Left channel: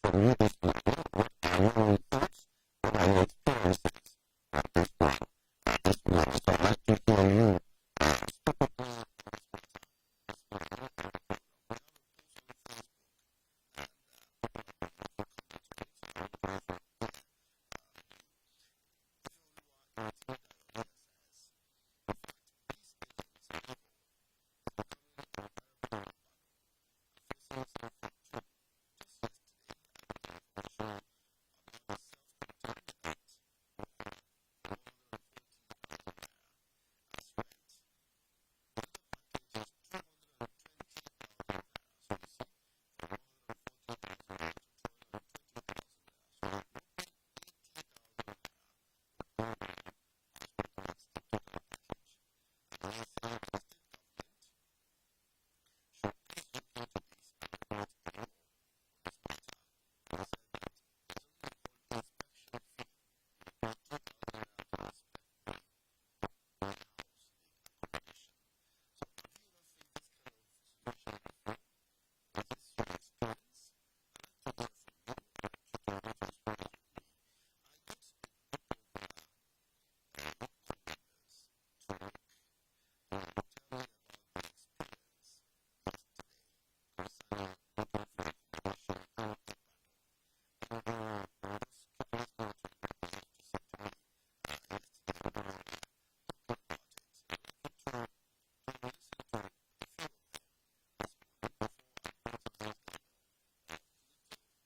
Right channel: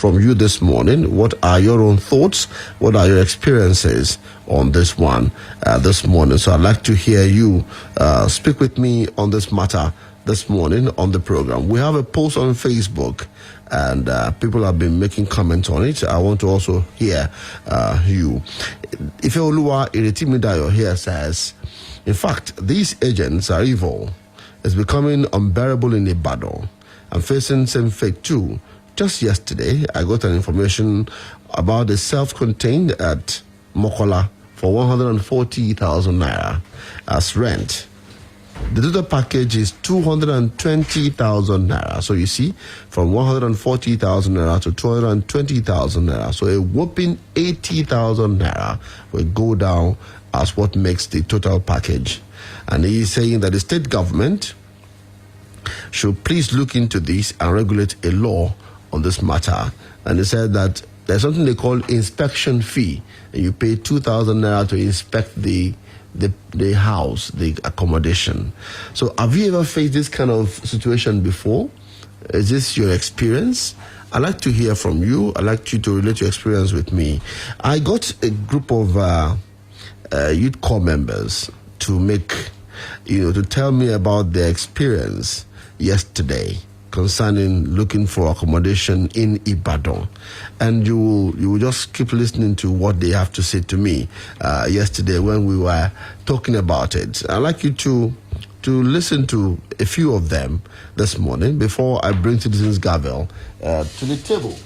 from you this morning. What are your own thoughts? What are your experiences on this one this morning? So I'd like to hear you speak with me on this matter this morning on the program. We have a post on Facebook, and people have been making comments on it. I want to also hear you. Ifeoluwa Iretimidayo here says, in fact, these agents are evil. It's becoming unbearable in Ibadan. I'm facing same fate too. Just yesterday, I got an information about a self-contained at Mokola for 140,000 naira as rent. The total package is 220,000 naira. So you see, from 140,000 naira to 220,000 naira. So a whopping 80,000 naira will go down as what makes the total package. And he is saying that the state government should please look into this and regulate a law on this matter. And he said that there's something they call inspection fee. And you pay 2,000 naira to inspect the house, the accommodation. So have you ever faced this kind of situation before? Is this your experience? I'd like to hear from you. I'd like you to relate your experience with me. I got a group of youth corps members to tell me about their experience yesterday concerning looking for accommodation in Ibadan. And you will just keep listening to what they have to say to me yesterday when we were talking about it. I'd like you to listen to a few of them this morning before I bring Citizens Gavel to the table.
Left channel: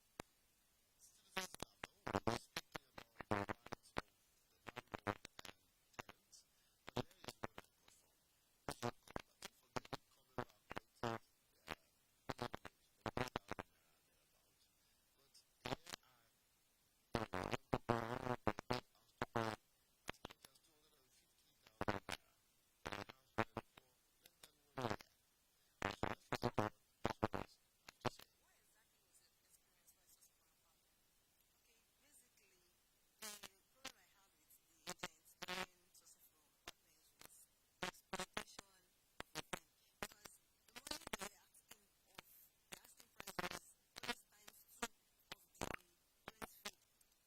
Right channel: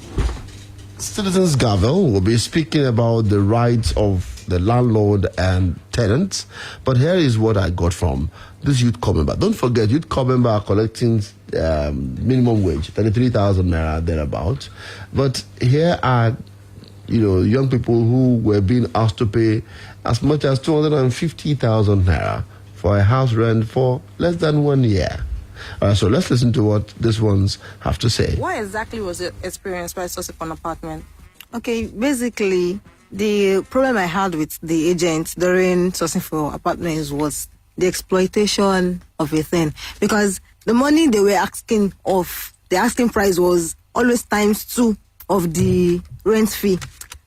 Citizens Gavel will be speaking about the rights of the landlord and tenants. But here is what I got from this youth corps member. Don't forget, youth corps member are collecting minimum wage, 33,000 naira thereabout. But here are, young people who were being asked to pay as much as 250,000 naira for a house rent for less than 1 year. So let's listen to what these ones have to say. What exactly was your experience by sourcing for an apartment? Okay, basically, the problem I had with the agents during sourcing for apartments was the exploitation of a thing. Because the money they were asking the asking price was always times 2 of the rent fee.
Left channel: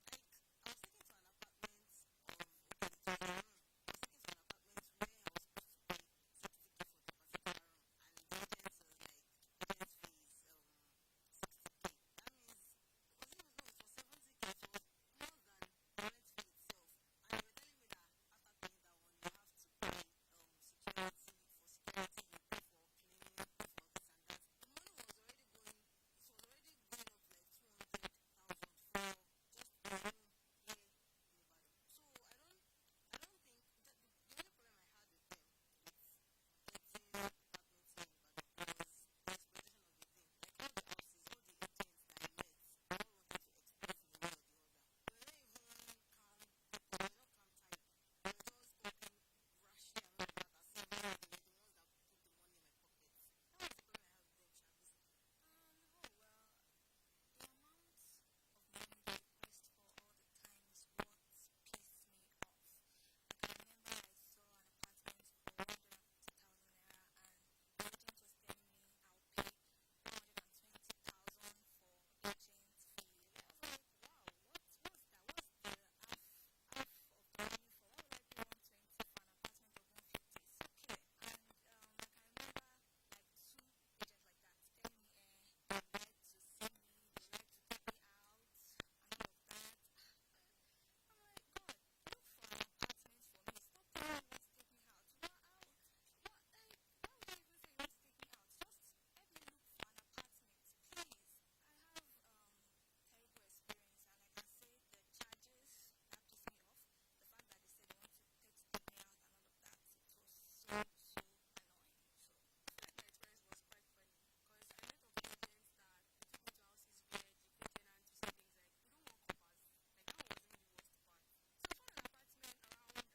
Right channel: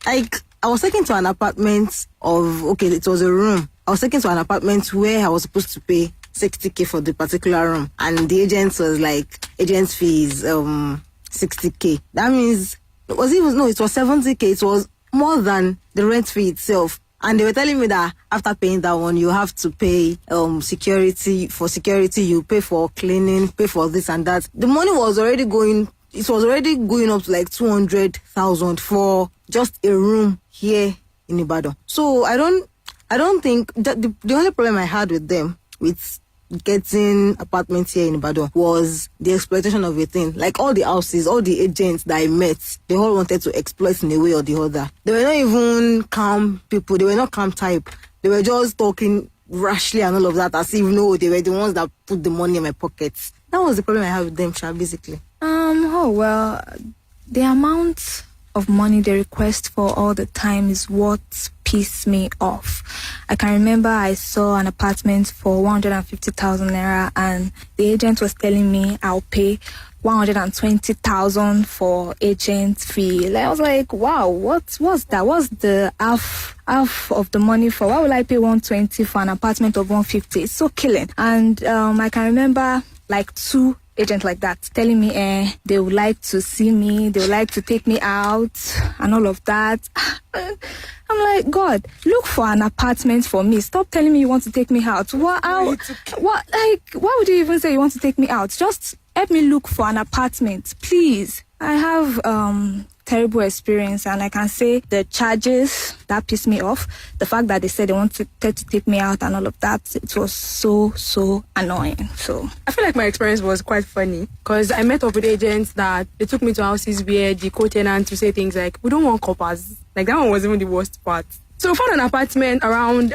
Like, I was taken to an apartment it was a room. I was taken to an apartment where I was supposed to pay 60K for the particular room. And the agent was like, agent's fee is 60K. That means, it was 70K. It was more than the rent fee itself. And they were telling me that after paying that one, you have to pay security. For security, you pay for cleaning, pay for this and that. The money was already going up to like 200,000 for just a room here in Ibadan. So I don't think that the only problem I had with them, with getting apartments here in Ibadan, was the exploitation of a thing. Like all the houses, all the agents that I met, they all wanted to exploit in a way or the other. They were not even calm people. They were not calm type. They were just talking rashly and all of that, as if they were the ones that put the money in my pockets. That was the problem I had with them, basically. The amount of money they request for all the time is what pissed me off. I can remember I saw an apartment for 150,000 naira and the agent was telling me I'll pay 120,000 for agent fee. I was like, wow, what's that? What's the half of the money for? Why will I pay 120 for an apartment of 150? It's so killing. And I can remember like 2 agents like that telling me they would like to see me, they would like to take me out and all of that. I'm like, God, look for an apartment for me. Stop telling me you want to take me out. Why would you even say you want to take me out? Just help me look for an apartment, please. I have terrible experience, and I can say the charges that pissed me off, the fact that they said they wanted to take me out and all of that, it was so annoying. So I feel like my experience was quite funny because I met up with agents that they took me to houses where the co-tenants would say things like, we don't want coppers. Like, that one was even the worst part. So we found an apartment around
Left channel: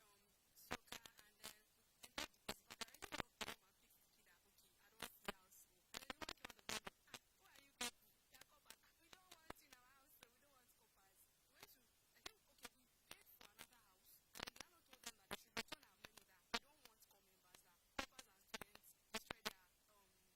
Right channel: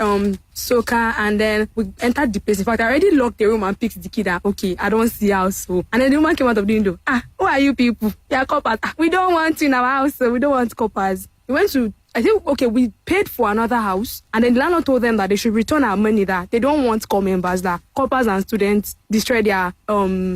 Soka, and then we entered the place. In fact, I already locked the room and picked the key that, okay, I don't see house. So, and then the woman came out of the window. Who are you people? Yeah, coppers. We don't want you in our house, so we don't want coppers. We went to, we paid for another house, and then the landlord told them that they should return our money, that they don't want core members, that coppers and students, destroy their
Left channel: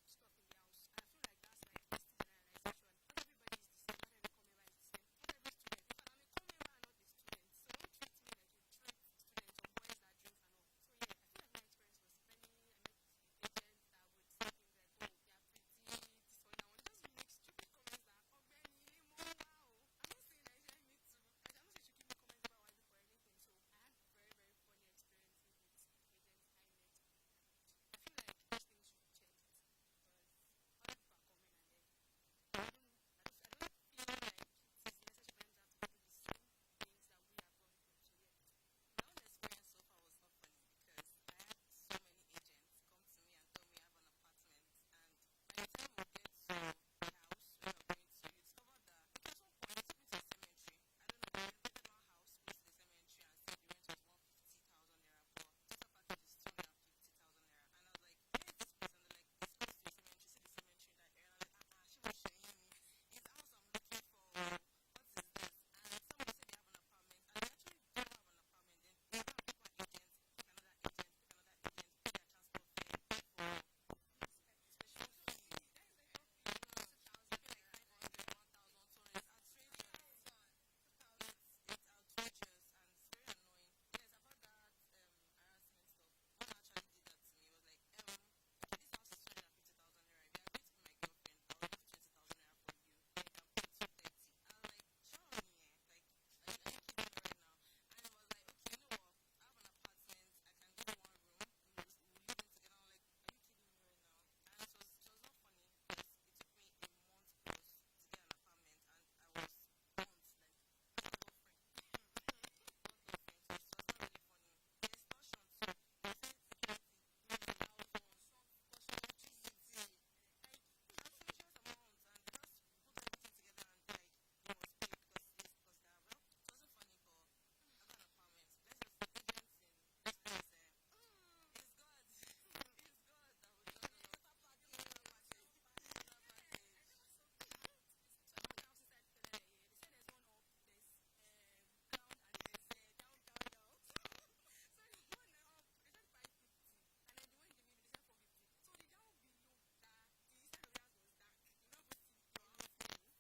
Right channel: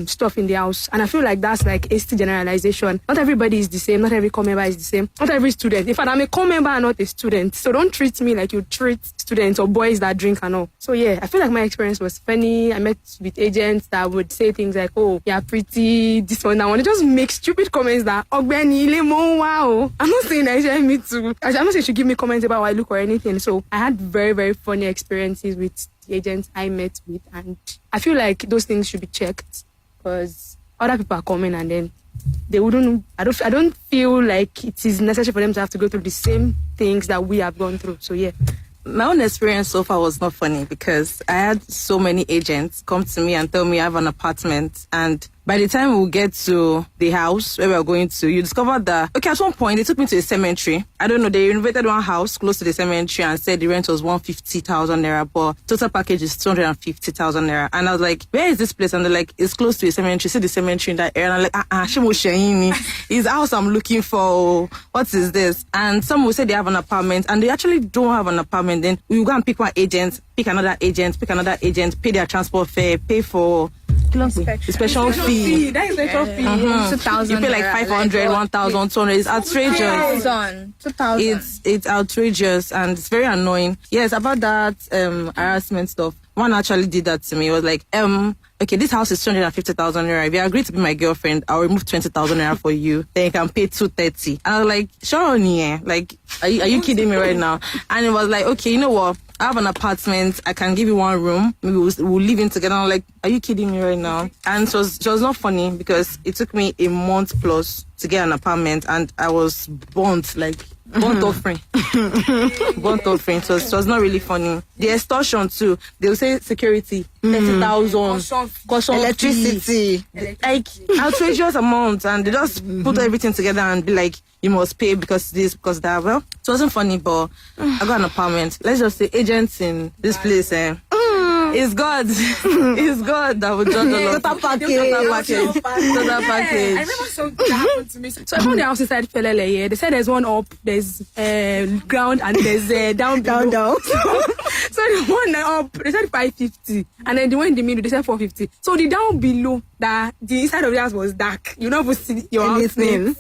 stuff in the house. And I feel like that's like a still generalization. Not everybody is the same. Not every core member is the same. Not every student. In fact, I'm a core member and not a student. So don't treat me like you treat students or boys that drink and all. So yeah, I feel like my experience was funny. I met with agents that would say things like, oh, you're pretty, this one, that one. They just make stupid comments that, wow. I'm not saying that me too. I'm not saying you should give me comments about how I look or anything. So I had very, very funny experiences with the agents I met with, and I feel like those things should be checked because other people are coming and then they wouldn't. I don't feel like it is necessary for them to have to go through the same things that we have gone through. So yeah. My own experience so far was not funny because I had so many agents come to me and tell me I have an apartment, and by the time we get to the house where we are going to, you discover that, okay, at one point, they took me to a cemetery. I don't know, they renovated one house close to the cemetery and said the rent was 150,000 naira, but total package is 250,000 naira. And I was like, where is this place? And they're like, it's close to a cemetery. See the cemetery in that area. And I'm like, Shimo Sheini, is the house I'm looking for. What is this? And some will say they have an apartment, and they actually don't have an apartment. Then we will go and pick one agent, pick another agent, pay their transport fare, pay for inspection fee. That is inspection fee. 2,000. You pay like 500, 1,200. It's outrageous. 2,000. It's outrageous and it's very annoying. Yes, about that harassment stuff. One actually did that to me. It was like, okay, this house is 250,000 naira. If you agree to be my girlfriend, I'll remove 20,000 naira for you. Then you can pay 230. And I was like, sure, yeah. Like, are you kidding me right now? And it was like, okay, you know what? I have an apartment. I can give you one room. Maybe we'll live in together. I'm like, are you kidding me right now? And it was not funny because it took me a month plus to get an apartment, and I was burnt offering. Burnt offering. So it was not really funny. The extortion too. They'll say security, 30,000. Electricity. Like outrageous amounts, and they just put everything together and be like, you must pay because this, because that. Well, it wasn't funny, but I got an apartment. Let's just say agents in this place, it's God. It's God that would judge all of Total package. Total package. I remember something that happened to me. So I found the house inside Felele. Yeah. They said there's one up, there's ground, and there's down below. Down. So the one up, they said 550, and then the one in the middle, they said 450. So the down below, the inside of the house was dark. You never see your house name.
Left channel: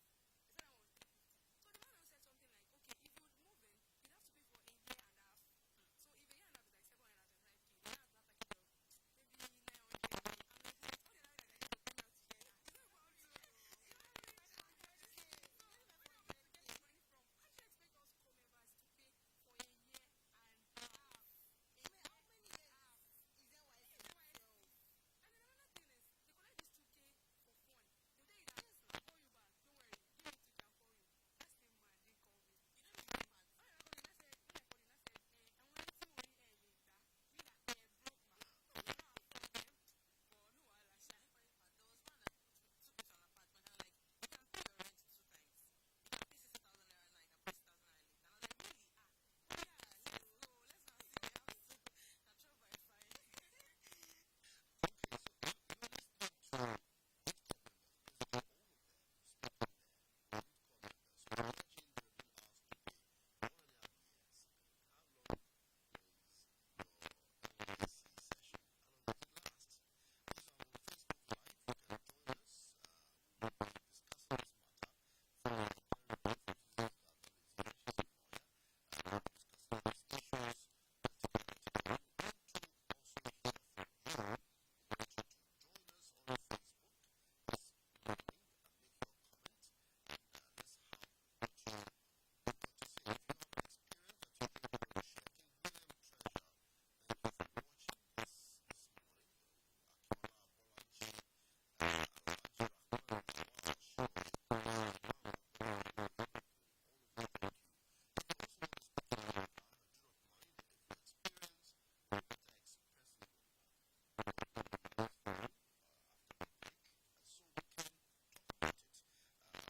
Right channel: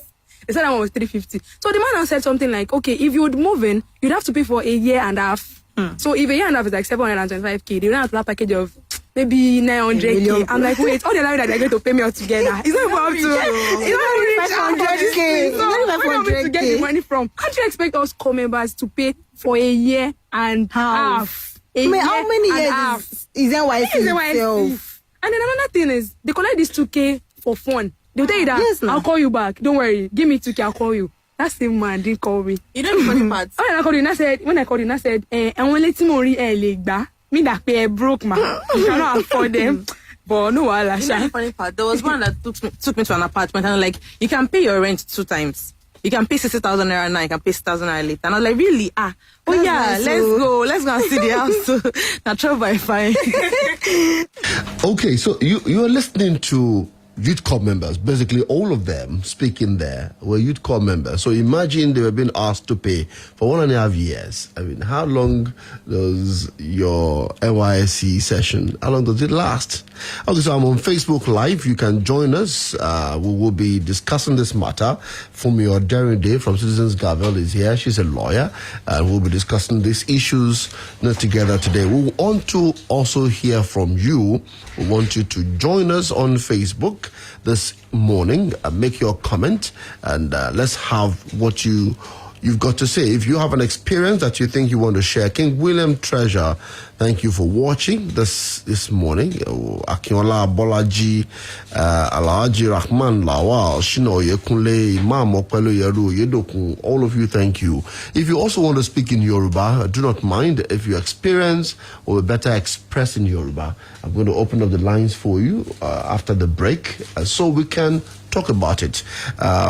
They said that one was 350. So the man now said something like, okay, if you would move in, you'd have to pay for a year and a half. So if a year and a half is like 725k, they don't have to have a package of maybe 900k. I'm like, wait, all the money that they're going to pay me all together. It's not about it's not 500k. So where am I to get the money from? How do you expect us core members to pay for a year and half? How many years is NYC? And then another thing is, they collect this 2k for fun. They'll tell you that, Yes, I'll call you back. Don't worry. Give me 2k, I'll call you. That same man didn't call me. You know the funny part? When I called you, I said, and when let me me that pay broke, man. You cannot afford them. But no, You know the funny part? There was one that took me to an apartment, and I'm like, you can pay your rent 2 times. You can pay 60,000 naira now, you can pay 6,000 naira later. And I was like, really? Oh yeah, nice, let's go and see the house. Now try by fine. Okay, so you are listening to youth corps members, basically all of them speaking there were youth corps members. So imagine they were being asked to pay for 1.5 years. I mean, how long does your NYSC session, how long does it last? Okay, so I'm on Facebook Live. You can join us. We will be discussing this matter. From your Daring Day from Citizens Gavel is here. She's a lawyer. And we'll be discussing these issues together today. We want to also hear from you. We want you to join us on Facebook this morning. Make your comment and let's have what you've got to say. If you have an experience that you think you want to share, King William Treasure, thank you for watching this morning. Akinola, Bolaji, Alhaji Rahman Lawal, Shino Yekunle, Imam Okwelo Yeru, Yedokun, all of you, thank you. If you also want to speak in Yoruba, do not mind. If you experience or better express in Yoruba, I'm going to open up the lines for you after the break so we can talk about it.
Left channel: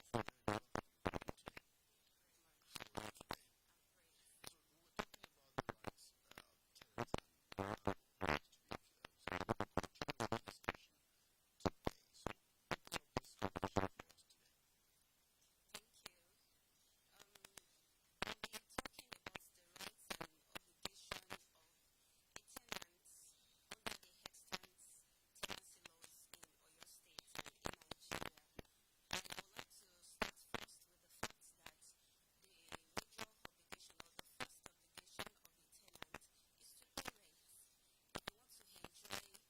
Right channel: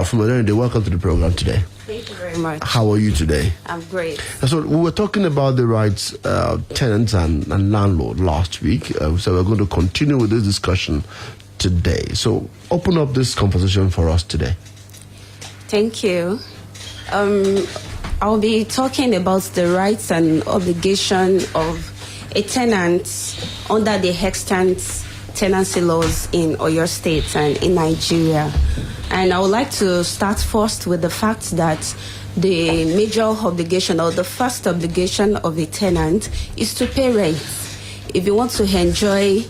From the day, welcome to the program today. Thank you very much. How are you today? I'm great. So we were talking about the rights tenants and landlord last week. So we're going to continue with this discussion today. So open up this conversation for us today. Thank you. I'll be talking about the rights and obligation of a tenant under the extant tenancy laws in Oyo State and in Nigeria. And I would like to start first with the fact that the major obligation or the first obligation of a tenant is to pay rent. If you want to enjoy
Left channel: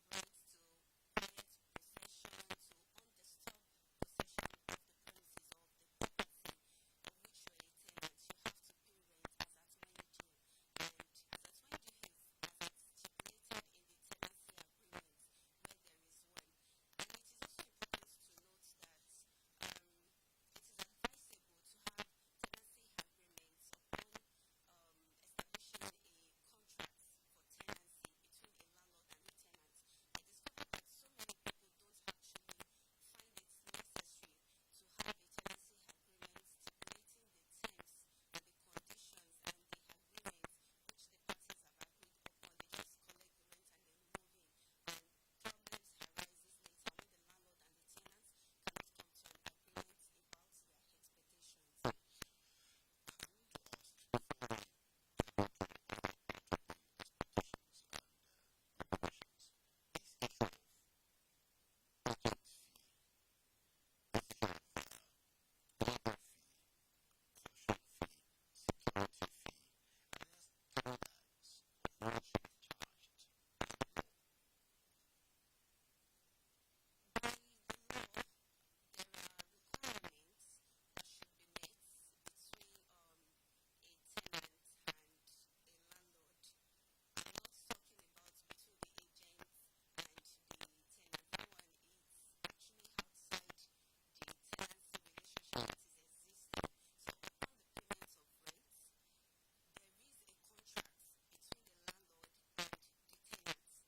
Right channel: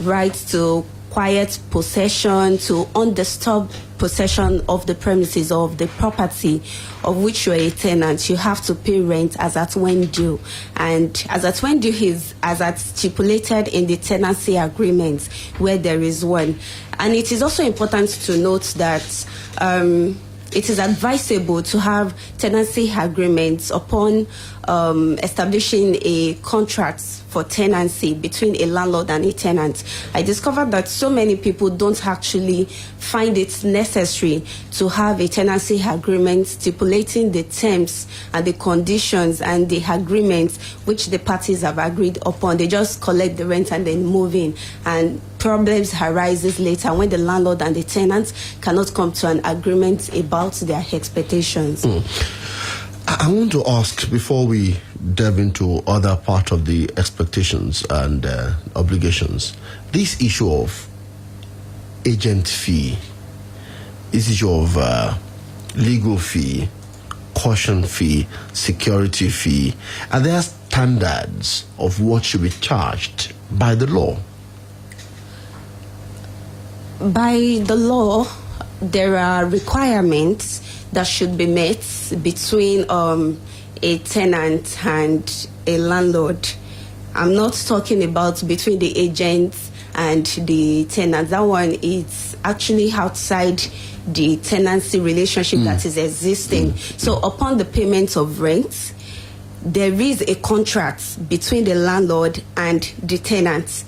rights to quiet possession, to undisturbed possession of the premises or of the property of which you are a tenant, you have to pay rent as at when due. And as at when due is as at stipulated in the tenancy agreement where there is one. And it is also important to note that it is advisable to have tenancy agreements upon establishing a contract for tenancy between a landlord and a tenant. I discovered that so many people don't actually find it necessary to have a tenancy agreement stipulating the terms and the conditions and the agreements which the parties have agreed upon. They just collect the rent and then move in, and problems arises later when the landlord and the tenant cannot come to an agreement about their expectations. I want to ask, before we delve into other part of the expectations and obligations, this issue of agent fee, this issue of legal fee, caution fee, security fee, are there standards of what should be charged by the law? By the law, there are requirements that should be met between a tenant and a landlord. I'm not talking about between the agent and the tenant. That one is actually outside the tenancy relationship that is existing. So upon the payment of rent, there is a contract between the landlord and the tenant,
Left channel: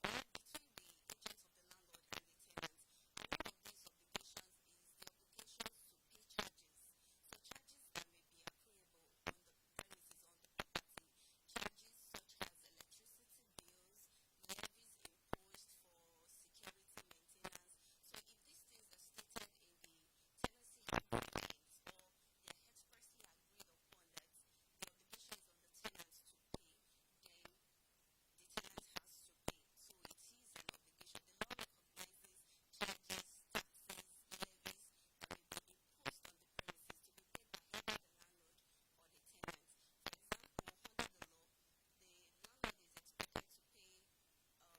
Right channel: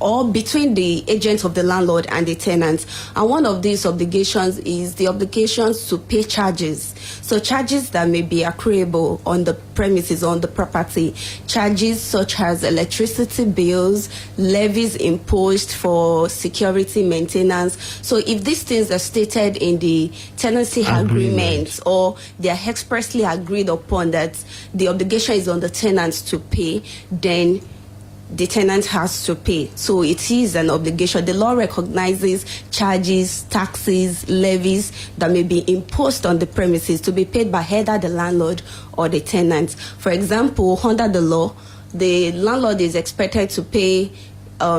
or between the agent of the landlord and the tenant. And one of these obligations is the obligations to pay charges. So charges that may be accruable on the premises, on the property, charges such as electricity bills, levies imposed for security maintenance. So if these things are stated in the tenancy agreement, or they are expressly agreed upon that the obligation is on the tenant to pay, then the tenant has to pay. So it is an obligation. The law recognizes charges, taxes, levies that may be imposed on the premises to be paid by either the landlord or the tenant. For example, under the law, the landlord is expected to pay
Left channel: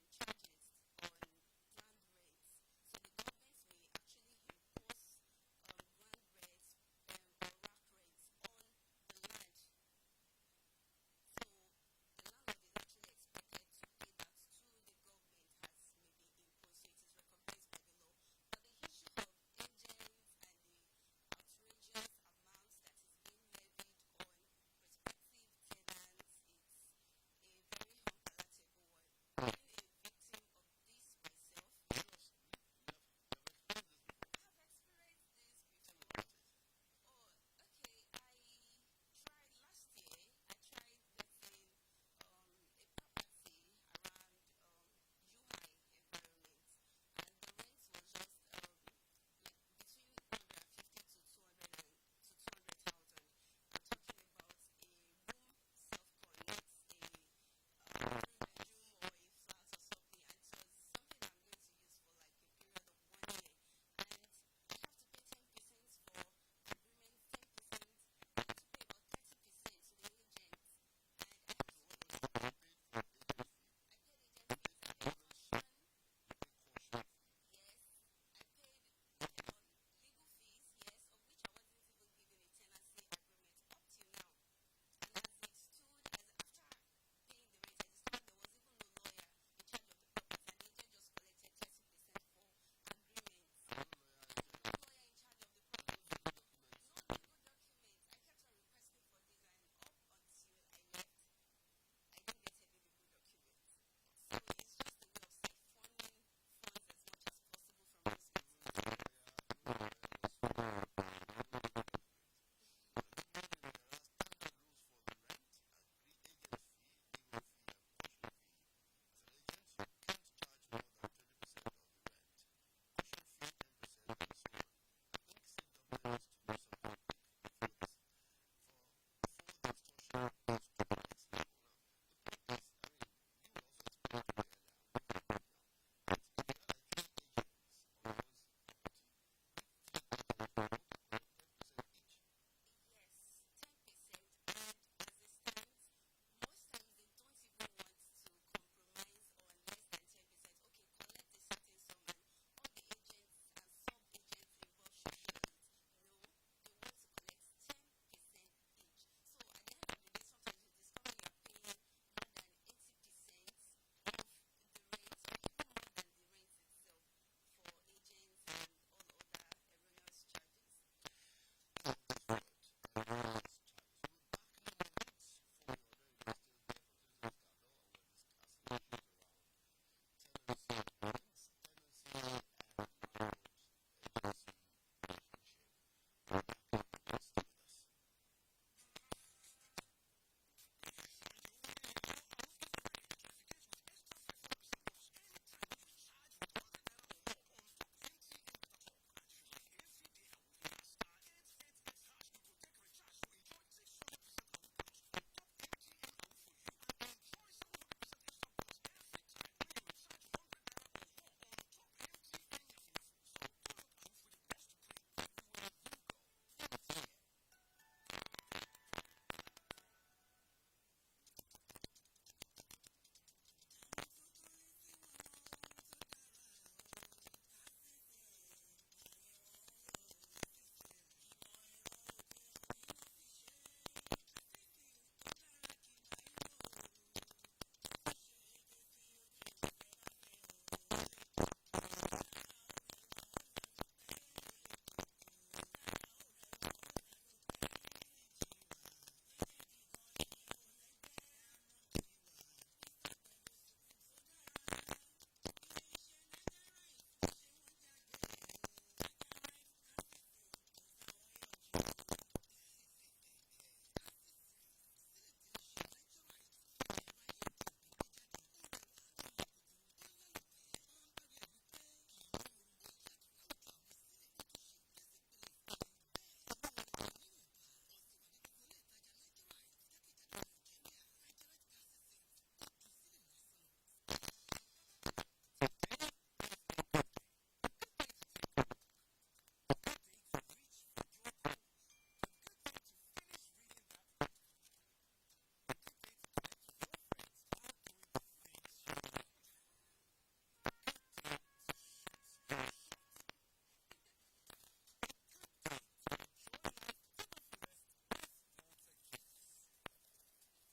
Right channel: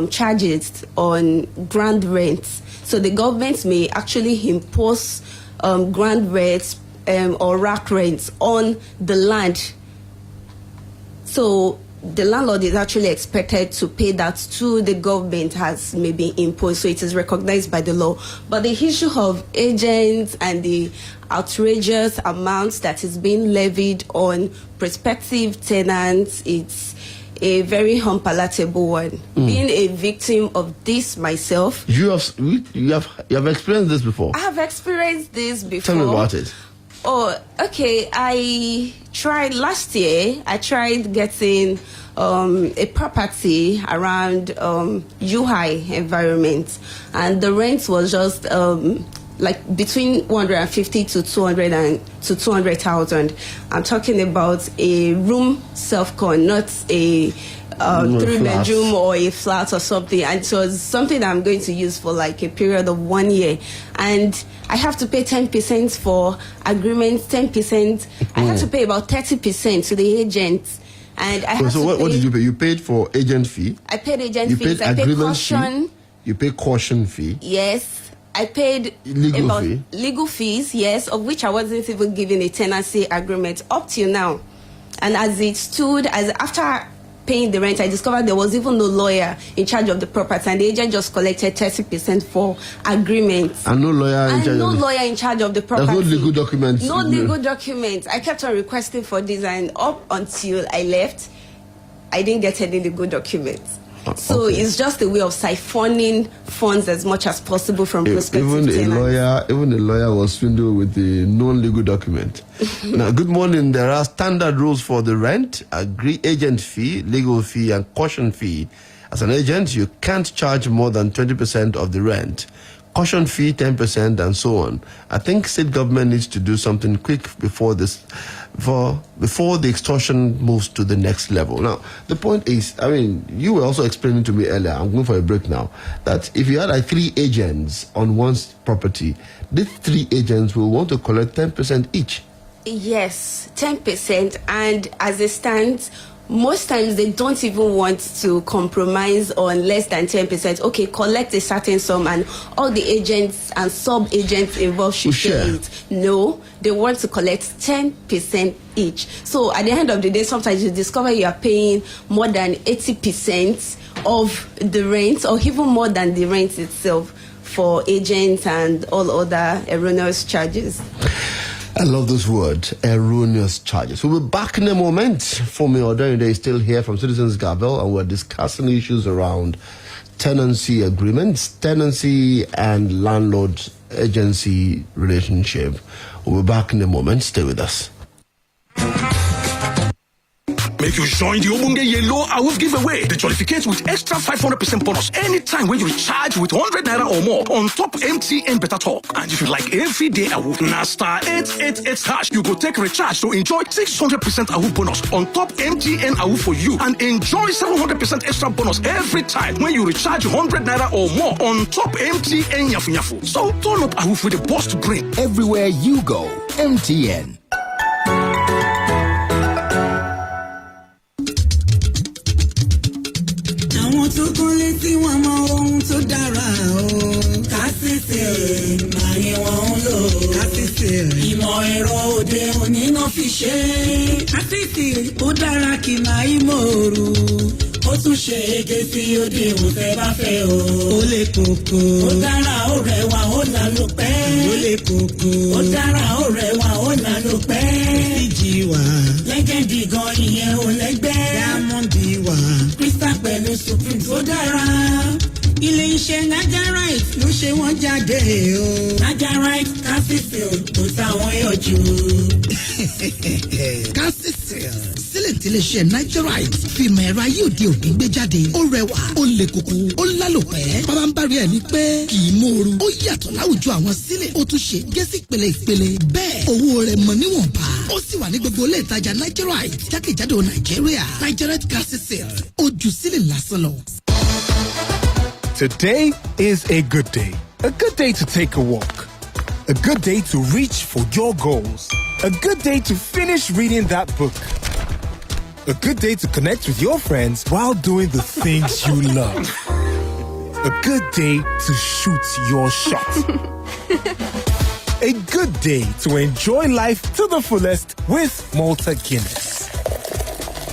charges on ground rents. So the government may actually impose ground rents or rack rents on the land. So the landlord is actually expected to pay that to the government as may be imposed, so it is recognized by the law. But the issue of agents and the outrageous amounts that is being levied on prospective tenants, it's a very unpalatable one. Being a victim of this myself. You have experienced this before? I have experienced this before. Tell me about it. Oh, okay. Last year, I tried getting a property around UI environment, and the rent was just like between 150 to 200,000. I'm talking about a room self-con, not a three-bedroom or a flat or something. And it was something that I'm going to use for like a period of 1 year. And I have to pay 10% for agreements, 10%. I have to pay about 30% to the agent. And I have what did you pay? You paid for agent fee? I paid agent you fees. Paid I paid agreement caution. Fee? You paid caution fee? Yes. I paid legal fees, yes, of which I wasn't even given a tenancy agreement up till now. And as it stood, after paying the rent, I discovered there was even no lawyer in charge of the property, and the agent just collected 30% for agreements. And no lawyer in charge of the property. There's no legal documents. No legal documents. I kept on requesting for this, and up until I left, I didn't get any legal documents. So it's just a way of siphoning funds as much as possible from prospective tenants. Even a lawyer was swindled with the non-legal document. Now, good morning. There are standard rules for the rent, agent fee, legal fee, and caution fee. As an agent, you can't charge more than 20% of the rent. caution fee 10% and so on. I think state government needs to do something quick before before the extortion moves to the next level. Now, the point is, I mean, you were also explaining to me earlier, I'm going for a break now, that if you had like 3 agents on one's property, these 3 agents will want to collect 10% each. Yes, 10%. And as it stands, most times they don't even want to compromise on less than 10%. Okay, collect a certain sum and all the agents and sub-agents involved should share it. No, they want to collect 10% each. So at the end of the day, sometimes you discover you are paying more than 80% of the rent or even more than the rent itself for agents and all other erroneous charges. I love this word, erroneous charges. We'll be back in a moment. Fumi Odorinde is still here from Citizens Gavel, and we're discussing issues around tenancy agreements, tenancy and landlord-agency relationship. We'll be back in a moment. Stay with us. Make you join the Obunge Yellow Awoof giveaway. The jollificate with extra 500% bonus anytime when you recharge with 100 naira or more on top MTN Better Talk. And if you like everyday Awoof, na star 888 #, you go take recharge to enjoy 600% Awoof bonus on top MTN Awoof for you and enjoy 700% extra bonus every time when you recharge 100 naira or more on top MTN Yafu Yafu. So turn up Awoof with the boss to bring. Everywhere you go, MTN. tó kún létí wọn mọ ohun tó dára o. Kásìsì máyé wọn ń lò. Kásìsì ìmọ̀ ẹ̀rọ òde òní náà fi ṣe. Kásìsì ó dára kì máa í mòrú. Ó tún ṣe ege sí òde òfẹ́ bá fẹ́ o. Ó lè kókó. Ó dára ó rẹwà ó là ló pẹ́. Ó lè kókó. Ó dára ó rẹwà ó là ló pẹ́. Fíjì wá. Lẹ́gẹ̀dì gan ìyẹn ò lẹ́gbẹ́. Diamond wá. Crystal pẹ̀lú Supreme tó dára. Ilé iṣẹ́ Nigerite ló ṣe wọ́n jáde o. Nigerite Calcicil kò táwọn yọjú. Calcicil sílẹ̀ tí ilé iṣẹ́ Nigerite fìmọ̀ ẹ̀rọ ayé òde òní gbé jáde. Ó rẹwà, ó le koko, ó lálòpẹ́. Bàbá ń bari ẹ̀ ní pé kì í mòoru. Ó yàtọ̀ láwùjọ àwọn sílẹ̀. Ó tún ṣe gẹ́sì ìpele ìpele. Bẹ́ẹ̀ owó rẹ̀ mọ̀ níwọ̀nba. Ó sì wà ní gbogbo ilé ìtajà Nigerite jákèjádò Nàìjíríà. Nigerite Calcicil ó ju sílẹ̀ lásán lọ. Today is a good day. A good day to take a walk. A good day to reach for your goals. A good day to finish reading that book. A good day to connect with your friends while doing the things you love. A good day to shoot your shot. A good day to enjoy life to the fullest with Malta Guinness.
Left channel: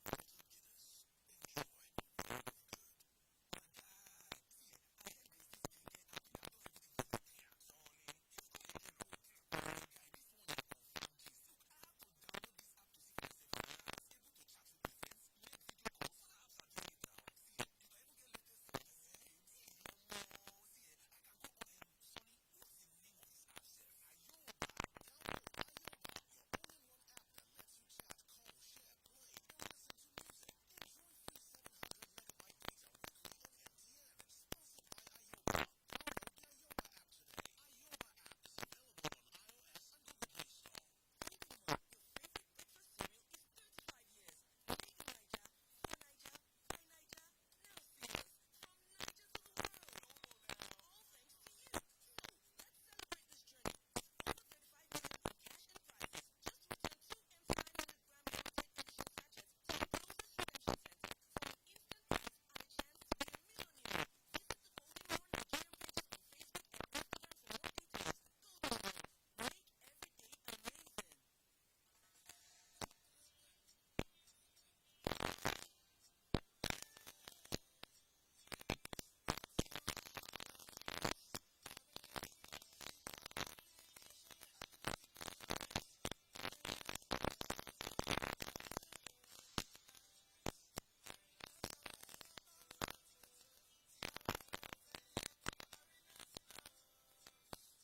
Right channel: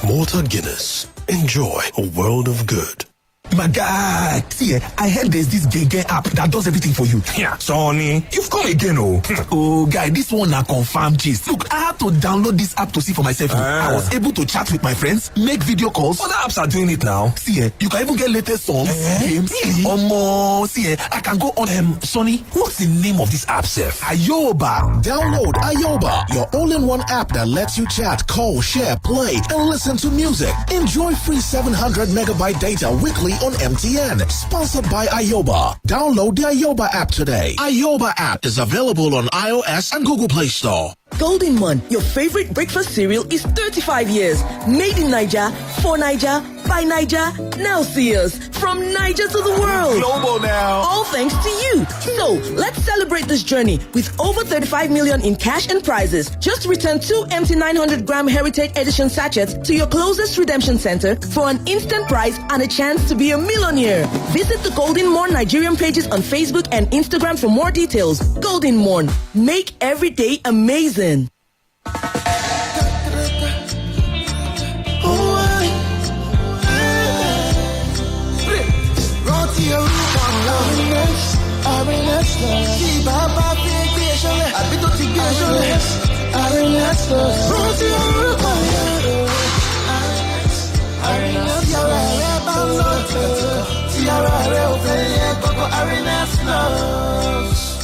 Malta Guinness. Enjoy a world of good. My guy, see, I heard there's this Gege app that does everything for you. Yeah, Sonny, you've come again, oh. Oh, guy, this one na confirm gist. Look, I had to download this app to see for myself. I was able to chat with my friends, make video calls. Other apps are doing it now. See, you can even get latest songs, games. Really? See, I can go on. Sonny, what's the name of this app, Seth? Ayoba. Download Ayoba, your all-in-one app that lets you chat, call, share, play, and listen to music. Enjoy free 700 megabyte data weekly on MTN. Sponsored by Ayoba. Download the Ayoba app today. Ayoba app is available on iOS and Google Play Store. Golden Mon, your favorite breakfast cereal, is 35 years. Made in Niger, for Niger, by Niger. Now see us from Niger to the world. Global now. All thanks to you. So let's celebrate this journey with over 35 million in cash and prizes. Just return 2 empty 900-gram Heritage Edition sachets to your closest redemption center for an instant prize and a chance to be a millionaire. Visit the Golden Morn Nigerian pages on Facebook and Instagram for more details. Golden Morn. Make every day amazing.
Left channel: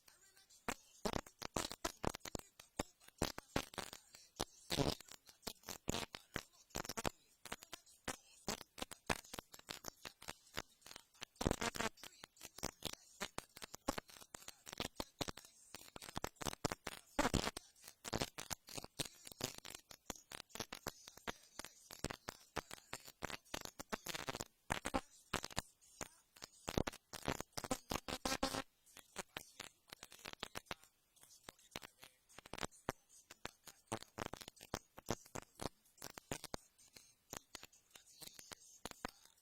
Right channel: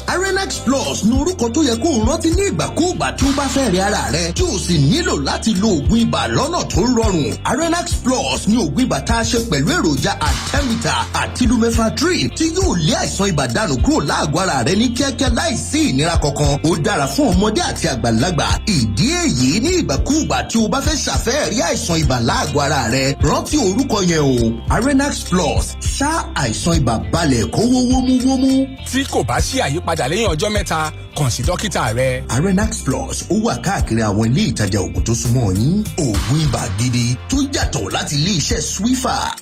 Arenax Plus Plus ní orúkọ tó yẹ kó o rántí ní ìgbàkúùgbà tí ó bá fẹ́ rí ara rẹ tí o sì nílò láti lo oògùn ibà lọ́nà tó rọrùn. Arenax Plus ní oògùn ibà tá a ṣe pẹ̀lú èròjà artemether àti lumefantrine tí yóò lé àìsàn ibà dànù kúrò láàgọ́ ara rẹ ní kíákíá láìsí ìnira kankan. Ó dára fún ọmọdé àti àgbàlagbà. Ìdí èyí ní ìgbàkúùgbà tí o bá fẹ́ ṣàfẹ́rí àìsàn ibà láàgọ́ ara rẹ rántí orúkọ yẹn o. Arenax Plus ṣá àìsàn ibà balẹ̀ kó wómúwómú. Tí kò bá sí àyípadà lẹ́yìn ọjọ́ mẹ́ta, kàn sí dókítà rẹ. Arenax Plus ó wà káàkiri àwọn ilé ìtajà oògùn tó súnmọ́ yín. Oògùn ibà gidi tó yàtọ̀ láti ilé iṣẹ́ Swiffer.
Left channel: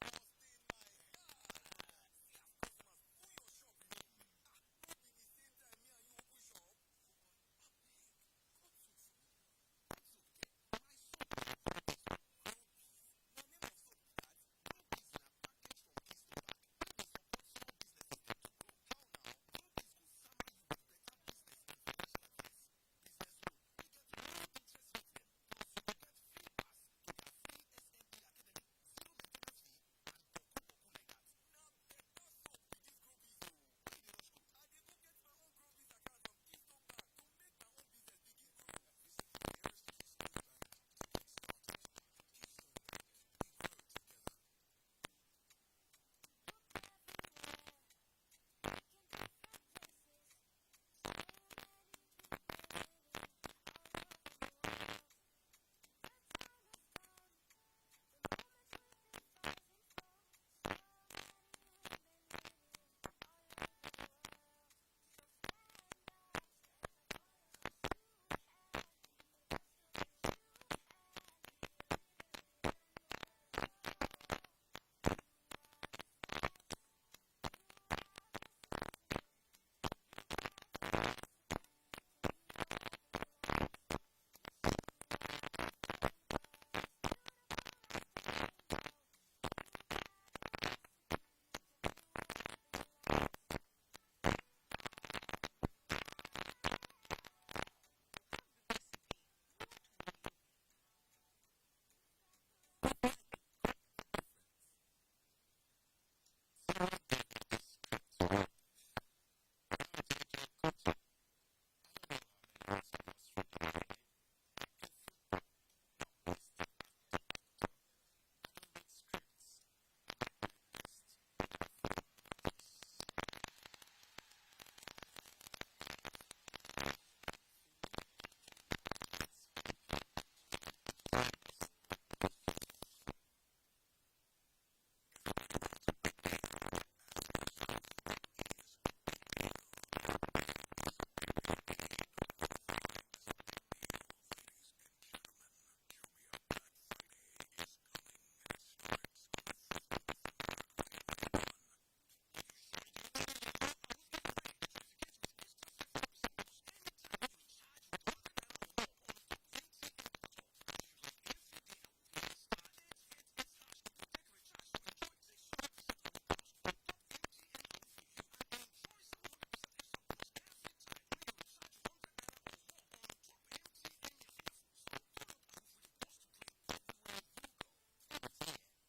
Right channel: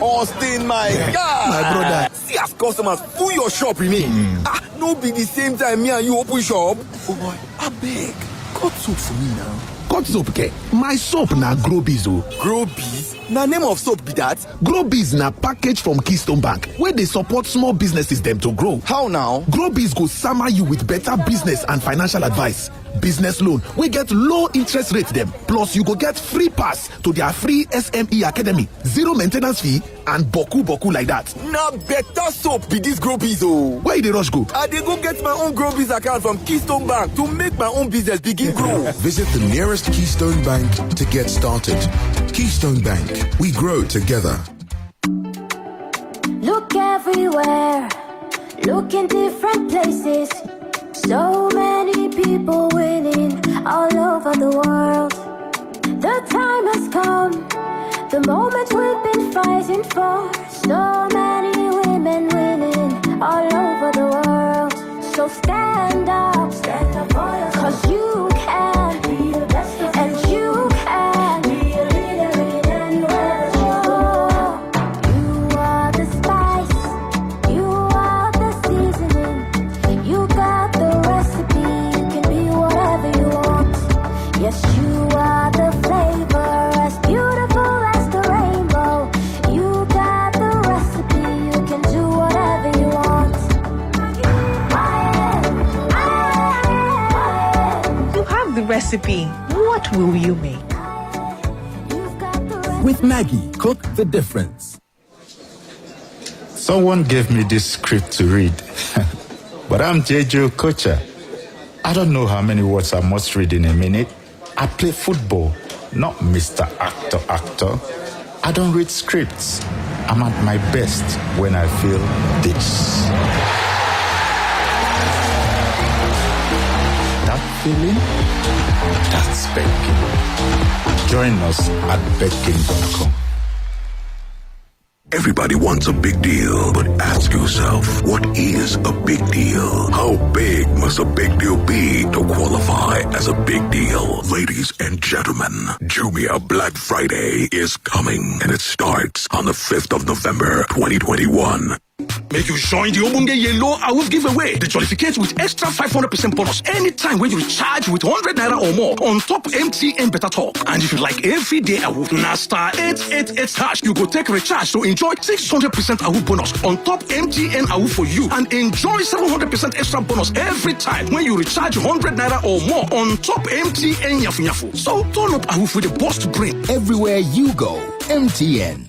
Austin, my God. My brother. See as customers full your shop remain. No be the same time me and you open shop. Oh boy, abeg, cut soap for me now. Cut soap ke? My soap na Grobiz o. Grobiz? Na name of soap be that? Grobiz na package from Keystone Bank wey dey support small businesses dem to grow. How now? Grobiz go sama you with better business and financial advice. Business loan wey get low interest rate dem, plus you go get free pass to their free SME Academy, zero maintenance fee and boku like that. Na better soap be this Grobiz o. Where you dey rush go? I dey go get my own Grobiz account from Keystone Bank to make my own business begin grow. Visit the nearest Keystone Bank to get started. Keystone Bank, we grow together. Look everywhere, look in different places. So many people winning all over the world. The time has come, the moment we've been fighting for. So many women winning all over the world. So stand up for yourself, 'cause you can be the best of and you can be a leader in anywhere you go. You are the spice, you are the seasoning, you got the recipe, you can be whatever you want. Yes, you are the flavor, as beautiful as the rainbow. You got the recipe, you can do whatever you want. You have the recipe. What will you make? With Maggie, cook the difference. Someone gave me this script to read, but I'm JJ Kocha. I don't know how many words I must read in a minute. I play football, not Mr. Actor. I don't read scripts. I'm at my best when I feel this. That feeling? That's baking. Join us at baking.com. Everybody wants a big deal, but ask yourself, what is a big deal? How big must a big deal be to qualify as a big deal? Ladies and gentlemen, Jumia Black Friday is coming, and it starts on the 5th of November, 2021. Make you join the Obunge Yellow Awoof giveaway. The jollificate with extra 500% bonus anytime when you recharge with 100 naira or more on top MTN Better Talk. And if you like every day Awoof, na star 888 hash, you go take recharge to enjoy 600% Awoof bonus on top MTN Awoof for you and enjoy 700% extra bonus every time when you recharge 100 naira or more on top MTN Yafu Yafu. So turn up Awoof with the boss to bring. Everywhere you go, MTN.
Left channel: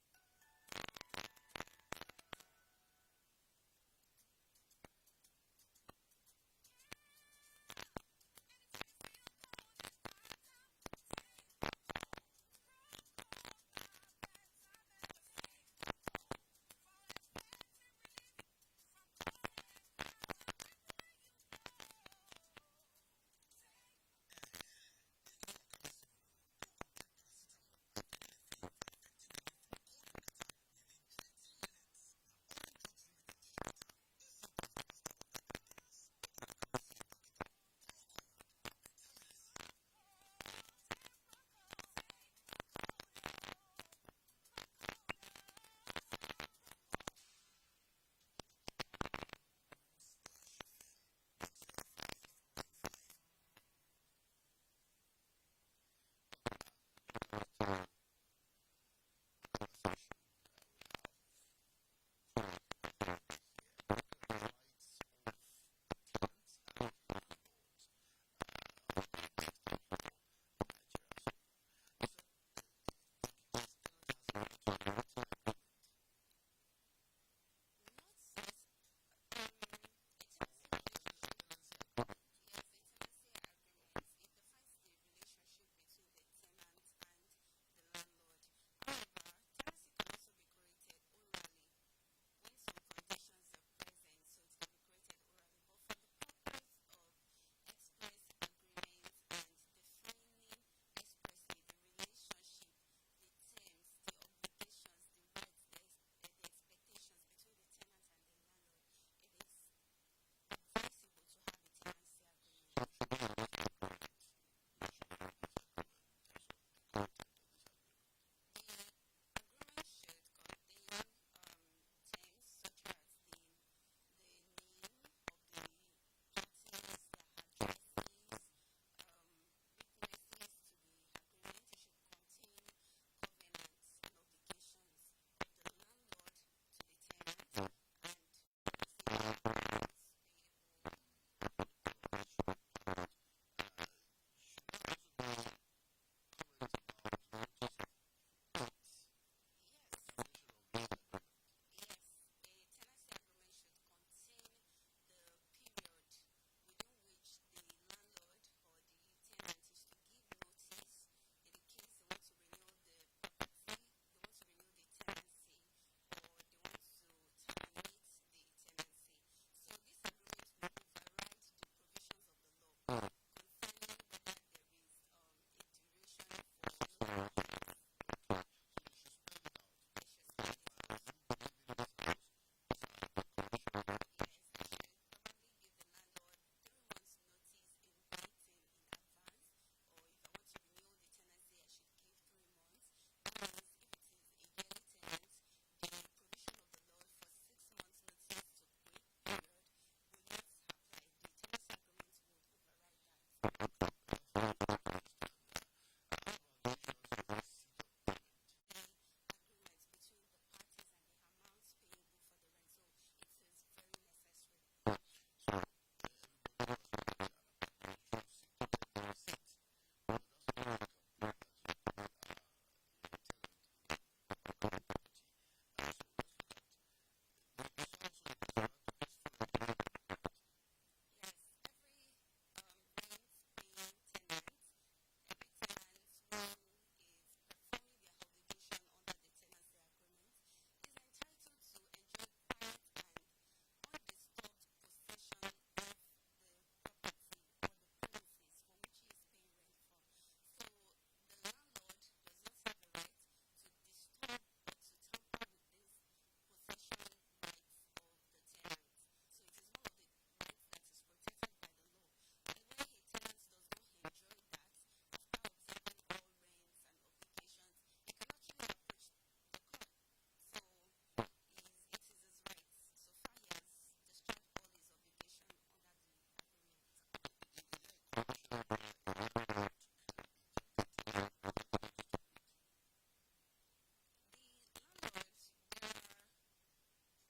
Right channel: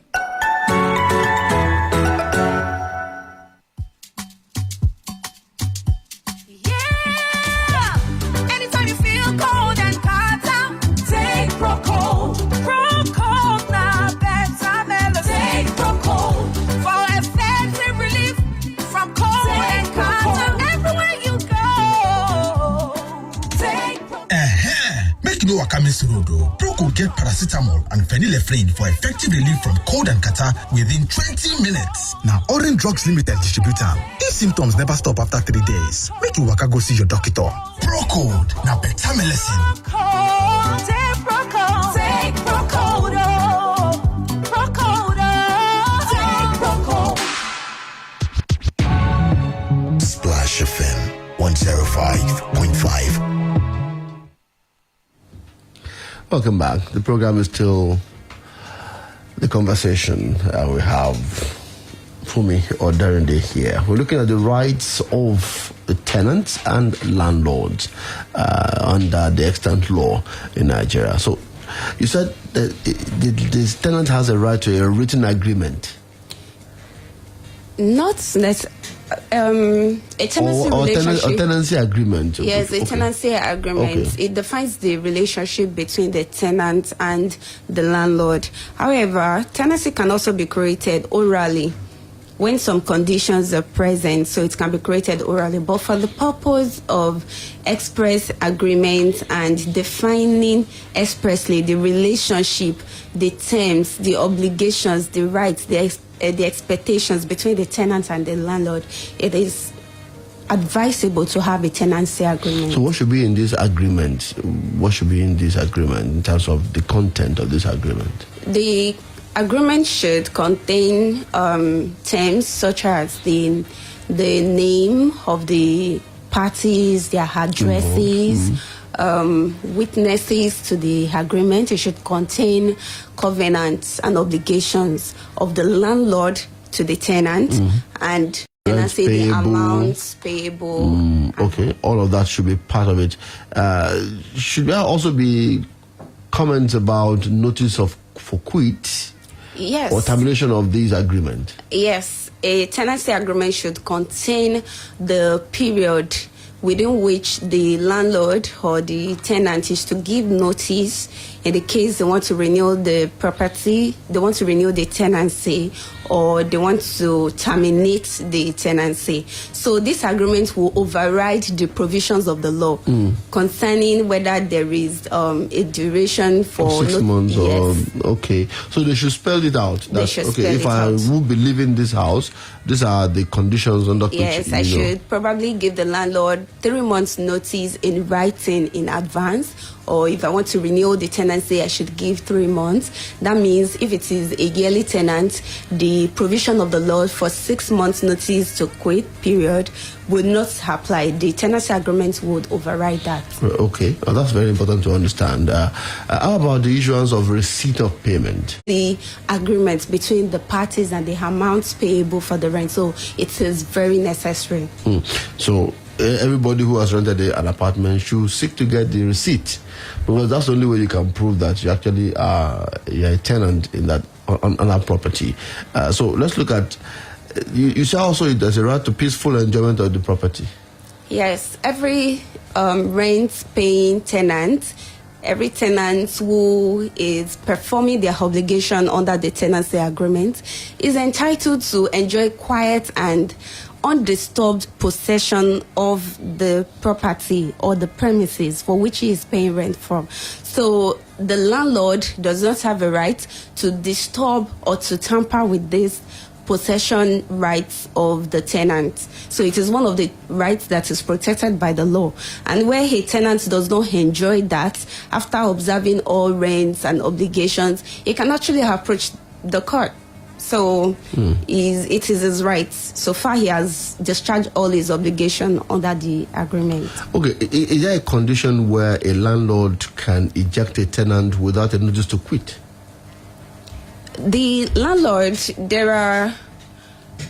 Proco get paracetamol and phenylephrine for effective relief from cold and catarrh within 20 minutes. Now, Orange Drugs Limited distributor. If symptoms never stop after 3 days, make you waka go see your doctor. Proco, now better medicine. Splash FM 105.5. Welcome back. The program is still The Conversation. We have Fumi Oderinde here. We're looking at the rights of the tenants and landlords under the extant law in Nigeria. So you said that the tenant has a right to a written agreement. Not necessarily. A tenancy relationship. A tenancy agreement. Yes, a tenancy agreement. Okay. It defines the relationship between the tenant and the landlord. However, tenancy can also be created orally when some conditions are present, so it can be created orally. But for the purpose of express agreement and defining expressly the relationship, the terms, the obligations, the rights, the expectations between the tenant and the landlord, it is advisable to have a tenancy agreement. So what should be in this agreement? What should be in this agreement in terms of the content of this agreement? The agreement should contain terms such as the name of the parties, their addresses, witnesses to the agreement. It should contain covenants and obligations of the landlord to the tenant and tenancy, the amounts payable. Okay, all of that should be part of it. Should there also be comments about notice for quit? Yes. Or termination of this agreement? Yes, a tenancy agreement should contain the period within which the landlord or the tenant is to give notice in the case they want to renew the property, they want to renew the tenancy, or they want to terminate the tenancy. So this agreement will override the provisions of the law concerning whether there is a duration for 6 months. Okay, so they should spell it out. They should spell if it I out. will be leaving this house, these are the conditions under which. Yes, I should probably give the landlord 3 months notice in writing in advance, or if I want to renew the tenancy, I should give 3 months. That means if it is a yearly tenant, the provision of the law for 6 months notice to quit period would not apply. The tenancy agreement would override that. Okay, well, that's very important to understand. How about the issuance of receipt of payment? The agreement between the parties and the amounts payable for the rent. So it is very necessary. So everybody who has rented an apartment should seek to get the receipt, because that's the only way you can prove that you actually are a tenant in that on that property. So let's look at. You say also there's a right to peaceful enjoyment of the property. Yes, every rent-paying tenant, every tenant who is performing their obligation under the tenancy agreement is entitled to enjoy quiet and undisturbed possession of the property or the premises for which he is paying rent from. So the landlord does not have a right to disturb or to tamper with this possession rights of the tenant. So it is one of the rights that is protected by the law. And where a tenant does not enjoy that, after observing all rents and obligations, he can actually approach the court. So it is his rights. So far he has discharged all his obligation under the agreement. Okay, is there a condition where a landlord can eject a tenant without a notice to quit? The landlord, there are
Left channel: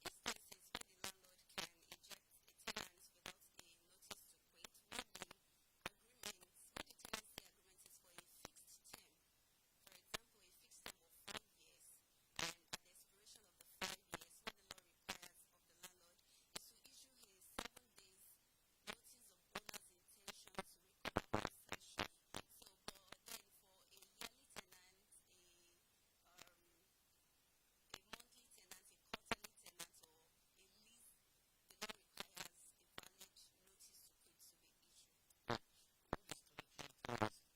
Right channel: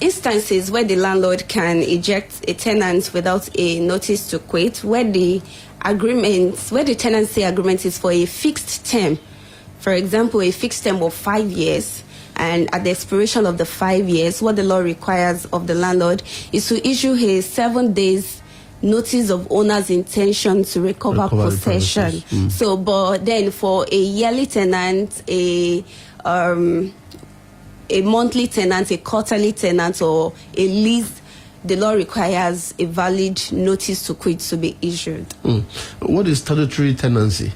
instances where the landlord can eject a tenant without a notice to quit, where the tenancy agreement is for a fixed term. For example, a fixed term of 5 years. And at the expiration of the 5 years, what the law requires of the landlord is to issue a 7 days notice of owner's intention to recover possession. So, but then for a yearly tenant, a monthly tenant, a quarterly tenant, or a lease, the law requires a valid notice to quit to be issued. What is statutory tenancy?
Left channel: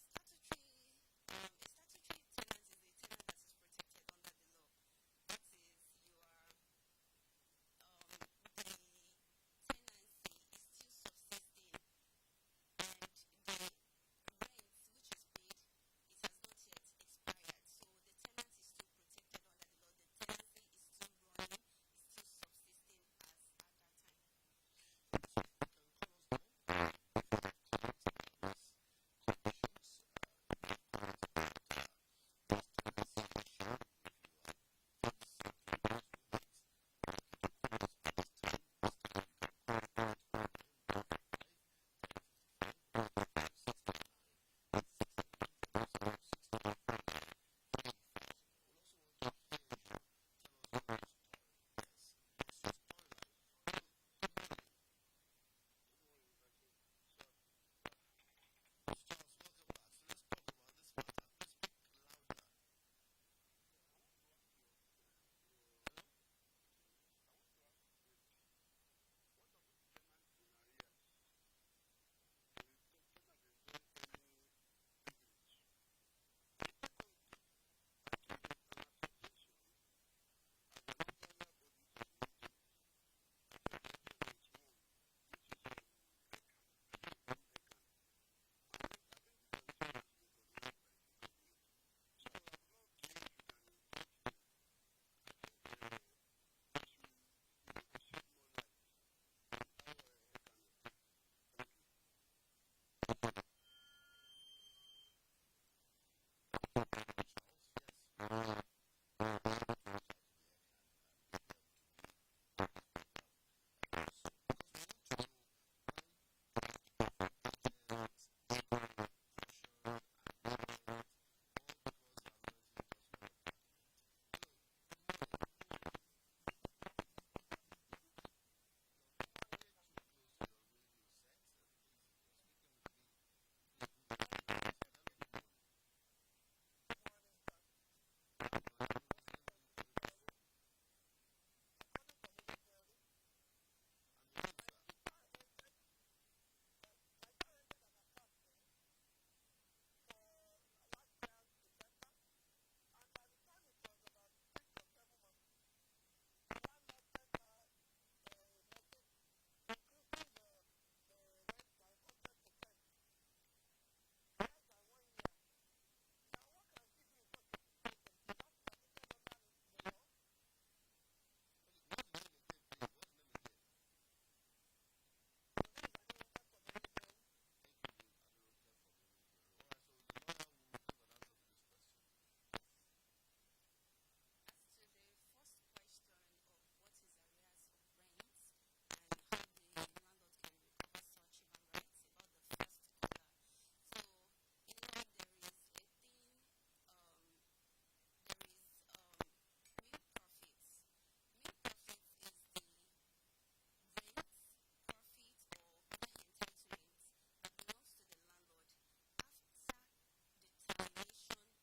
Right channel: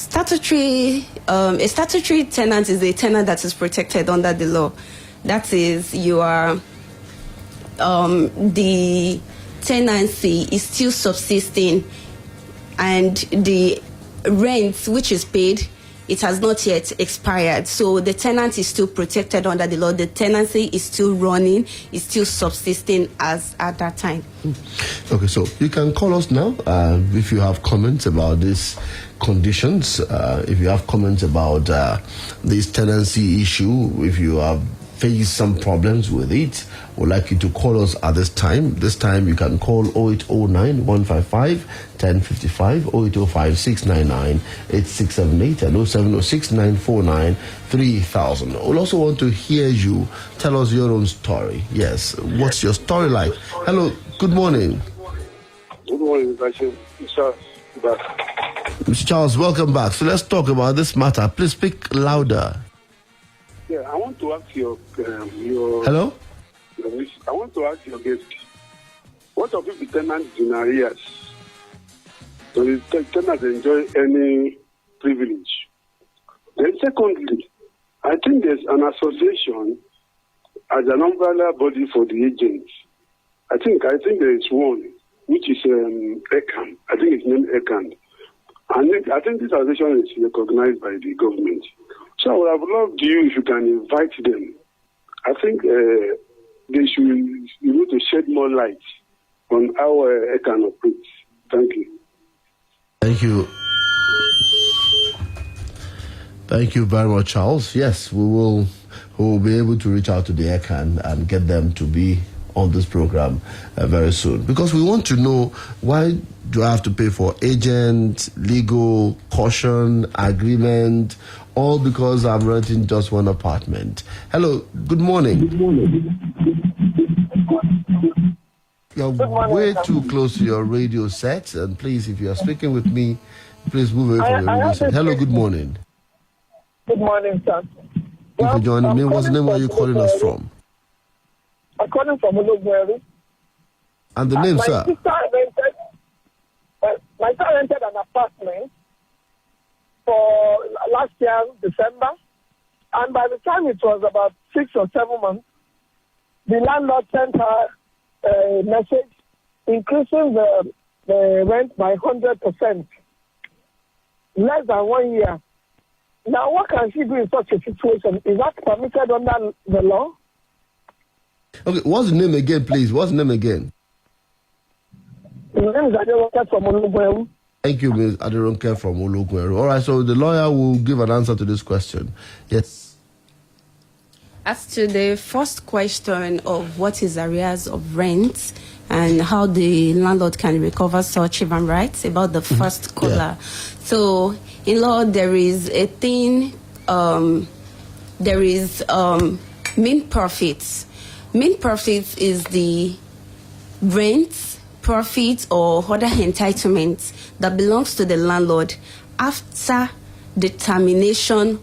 A statutory tenant is a tenant that is protected under the law. That is, you are the tenancy is still subsisting, and the rent which is paid, it has not yet expired. So the tenant is still protected under the law. The tenancy is still running, is still subsisting as at that time. Okay, so you can call us now if you have comments about these conditions, if you have comments about this tenancy issue, if you have face some problems with it, would like you to call us at this time. This time you can call 0809 155 1055, 0805 699 8678, and 0706 949 3000. We'll also want to hear you tell us your own story. Yes, what's your story like? Hello, good morning. Good morning, Mr. Charles, welcome back. So let's talk about this matter. Please speak louder. Yeah, I want to ask your Hello? I want to ask your guest, what of if the tenants in arrears? So the tenants enjoy any privilege? Then secondly, I think there's an association as an umbrella body for the agents. I think there is one, which is ECAN. I think it's named ECAN. And I think this association is recognized by the government. So I would have loved you if you can invite them. I think they should to shed more light on how ECAN operates. Thank you. Thank you. Thank you very much, Charles. Yes, we will be able to reach out to the ECAN and get them to be on this program very soon, because we want to know, why do I have to pay for agent, legal, caution, agreement, all because I'm renting just one apartment? Hello, good morning. Good morning. You're way too close to your radio set, and please, if you are speaking with me, please move away from your radio set. Hello, good morning. Good morning, sir. If you're joining me, what's the name? Where are you calling us from? I'm calling from Ologweri. And the name, sir? My son rented an apartment for last year, December. And by the time it was about 6 or 7 months, the landlord sent her a message increasing the rent by 100%. Less than 1 year. Now, what can she do in such a situation? Is that permitted under the law? Okay, what's the name again, please? What's the name again? The name is Aderonke from Ologweru. Thank you, Ms. Aderonke from Ologweru. All right, so the lawyer will give an answer to this question. Yes. As to the first question of what is arrears of rent and how the landlord can recover such even rights, about the first caller. Yeah. So, in law, there is a thing, there is mean profits. Mean profits is the rent, profit, or other entitlements that belongs to the landlord after the termination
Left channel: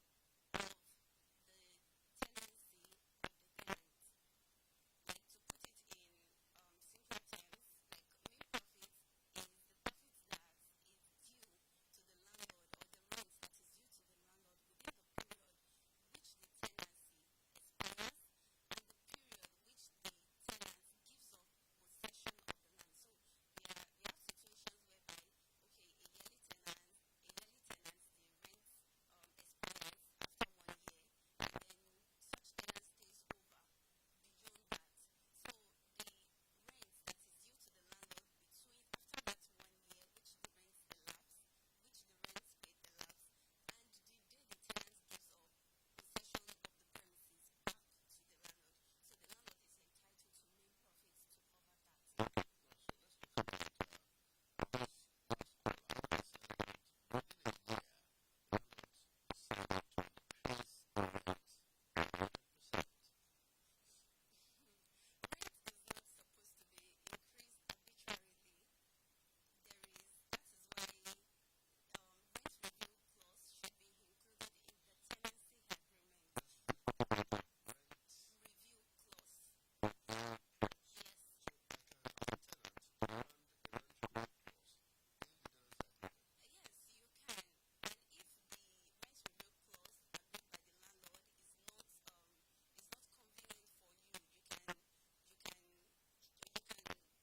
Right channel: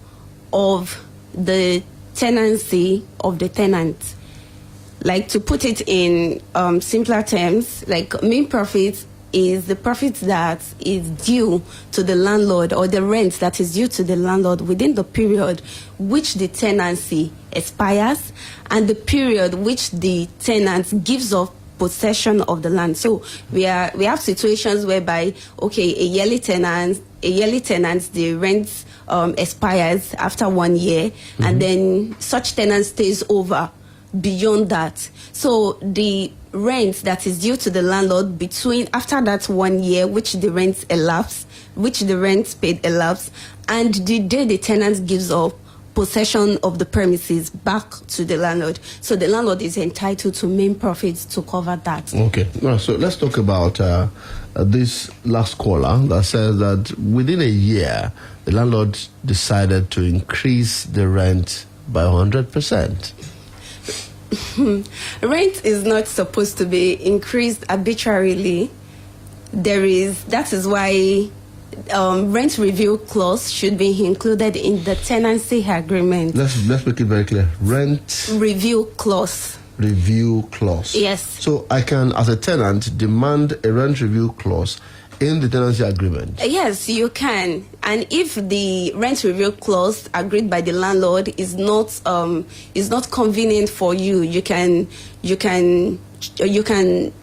of the tenancy of the tenant. Like, to put it in simpler terms, like mean profit is the profit that is due to the landlord, or the rent that is due to the landlord within the period which the tenancy expires and the period which the tenant gives up possession of the land. So we have situations whereby, okay, a yearly tenant, the rent expires after 1 year, and then such tenant stays over beyond that. So the rent that is due to the landlord after that 1 year, which the rent paid elapsed, and the day the tenant gives up possession of the premises back to the landlord. So the landlord is entitled to main profits to cover that. Okay, so let's talk about this last caller that says that within a year, the landlord decided to increase the rent by 100%. Rent is not supposed to be increased arbitrarily. That is why rent review clause should be included in the tenancy agreement. Let's make it very clear. Rent review clause. Review clause. Yes. So I can, as a tenant, demand a rent review clause in the tenancy agreement. Yes, you can. And if the rent review clause agreed by the landlord is not convenient for you, you can